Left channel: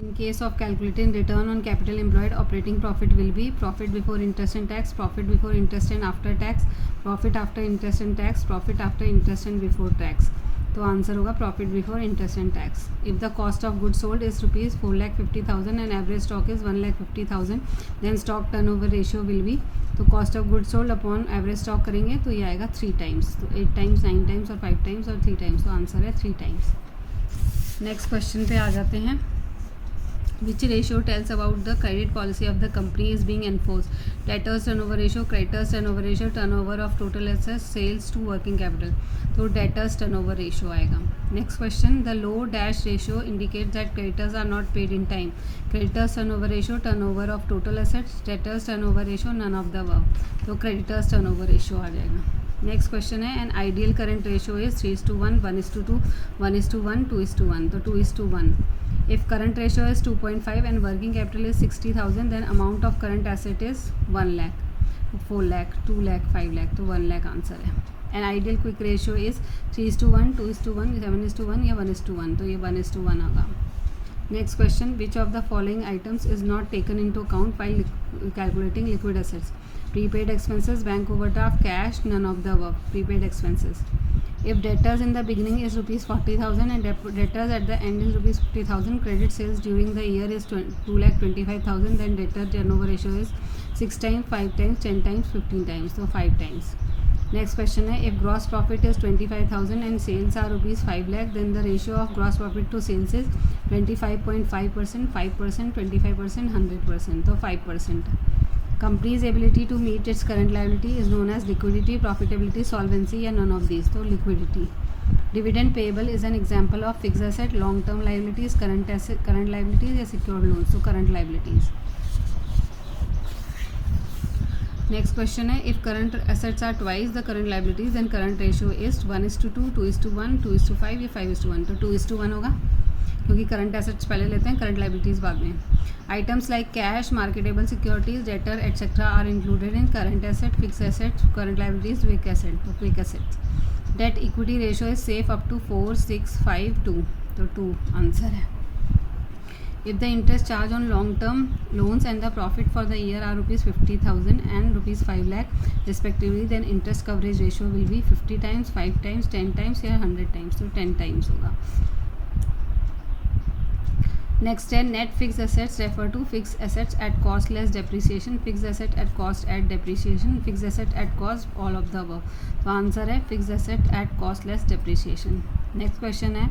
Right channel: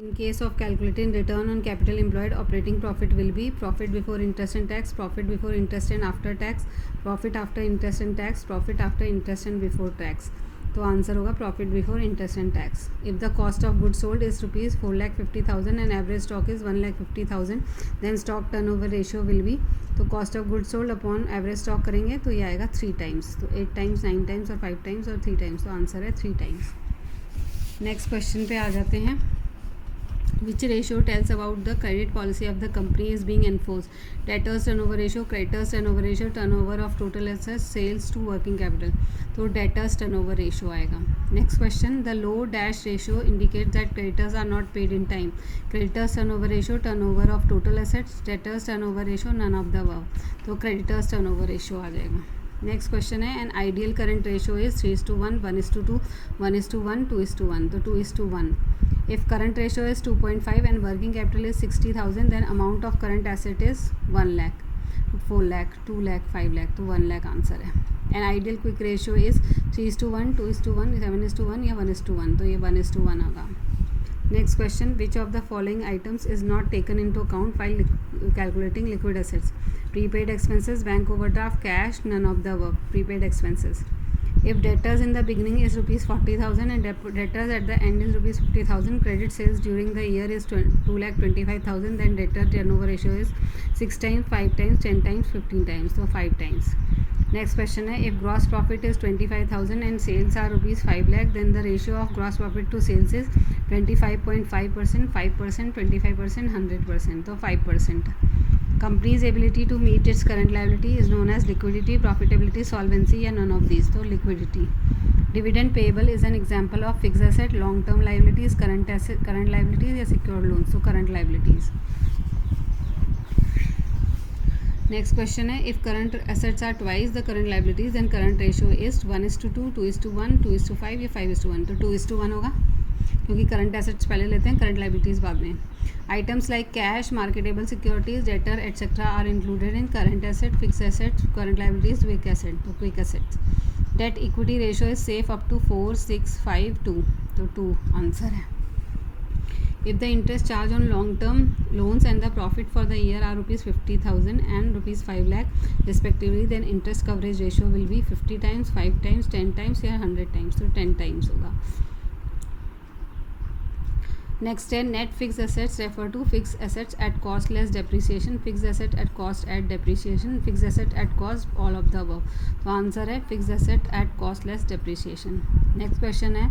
In case of calculating return on capital employed, operating profit will be profit before interest and tax, profit before interest and after tax, profit after interest and tax, profit after interest and before tax. तो answer होगा profit before interest and tax. If the cost of good sold is rupees 4,50,000 and average stock is 1,50,000, then stock turnover ratio will be, तो cost of good sold upon average stock करेंगे तो ये आएगा 3 times. तो 8 times, 9 times और 5 times और 3 times. तो answer है 3 टाइम्स. नेक्स्ट क्वेश्चन पे आ जाते हैं. Which ratio tells about the credit policy of the company is being enforced? Debtors turnover ratio, creditors turnover ratio, turnover of total assets, sales to working capital. तो debtors turnover ratio आएगा. Next question, the low dash ratio indicates that creditors are not paid in time. Creditors turnover ratio, turnover of total assets, debtors turnover ratio, none of the above. तो creditors turnover ratio आ जाएगा. Next question है, an ideal current ratio is 3:1, 1:2, 1:1, 2:1. तो 2:1. If current ratio is 2.5 and working capital is 60,000, then amount of current asset is 1 lakh, 4 lakh, 2 lakh, 5 lakh. तो 1 lakh answer है. An ideal quick ratio is 3:1, 2:1, 7:1 या 1:1. तो ये 1:1 होगा. Next question, which of the following items is not taken in to account while calculating liquid assets? Prepaid expenses, bank overdraft, cash, none of the above. Prepaid expenses. If debtors in the beginning is rupees 40,000 and debtors at the end is rupees 50,000, credit sales during the year is 2,25,000, then debtor turnover ratio is 6 times, 5 times, 10 times, 15 times. So 5 times. Next question है, if gross profit is 25,000 and sales are rupees 5 lakh, then the ratio of gross profit to sales is 25.5%, 5%, 25%, 100%. तो 5%. Company's ability to meet its current liability is known as liquidity, profitability, solvency, या none of these. तो liquidity. Dividend payable is an example of fixed asset, long term liabilities, current asset, current liabilities या secured loans. तो current liabilities. Next question है, if current assets are twice the current liabilities, then current ratio is 1:2, 2:1, 2:5 या 5:1. तो 2:1 होगा, क्योंकि current assets पहले लेते हैं, करंट लाइबिलिटीज़ बाद में. Items like cash, marketable securities, debtor etcetera are included in current asset, fix assets, current liabilities, quick asset. तो quick assets. Debt equity ratio is safe up to 4, 6, 5, 2. तो 2 answer है. If the interest charge on long term loans and the profit for the year are rupees 50,000 एंड rupees 5 lakh respectively, then interest coverage ratio will be 50 times, 5 times, 10 times या 100 times. तो 10 times होगा. Next है, net fix assets refer to fix assets at cost less depreciation, fix asset at cost at depreciation, fix asset at cost, all of the above. तो answer है fix asset at cost less depreciation. Next question है,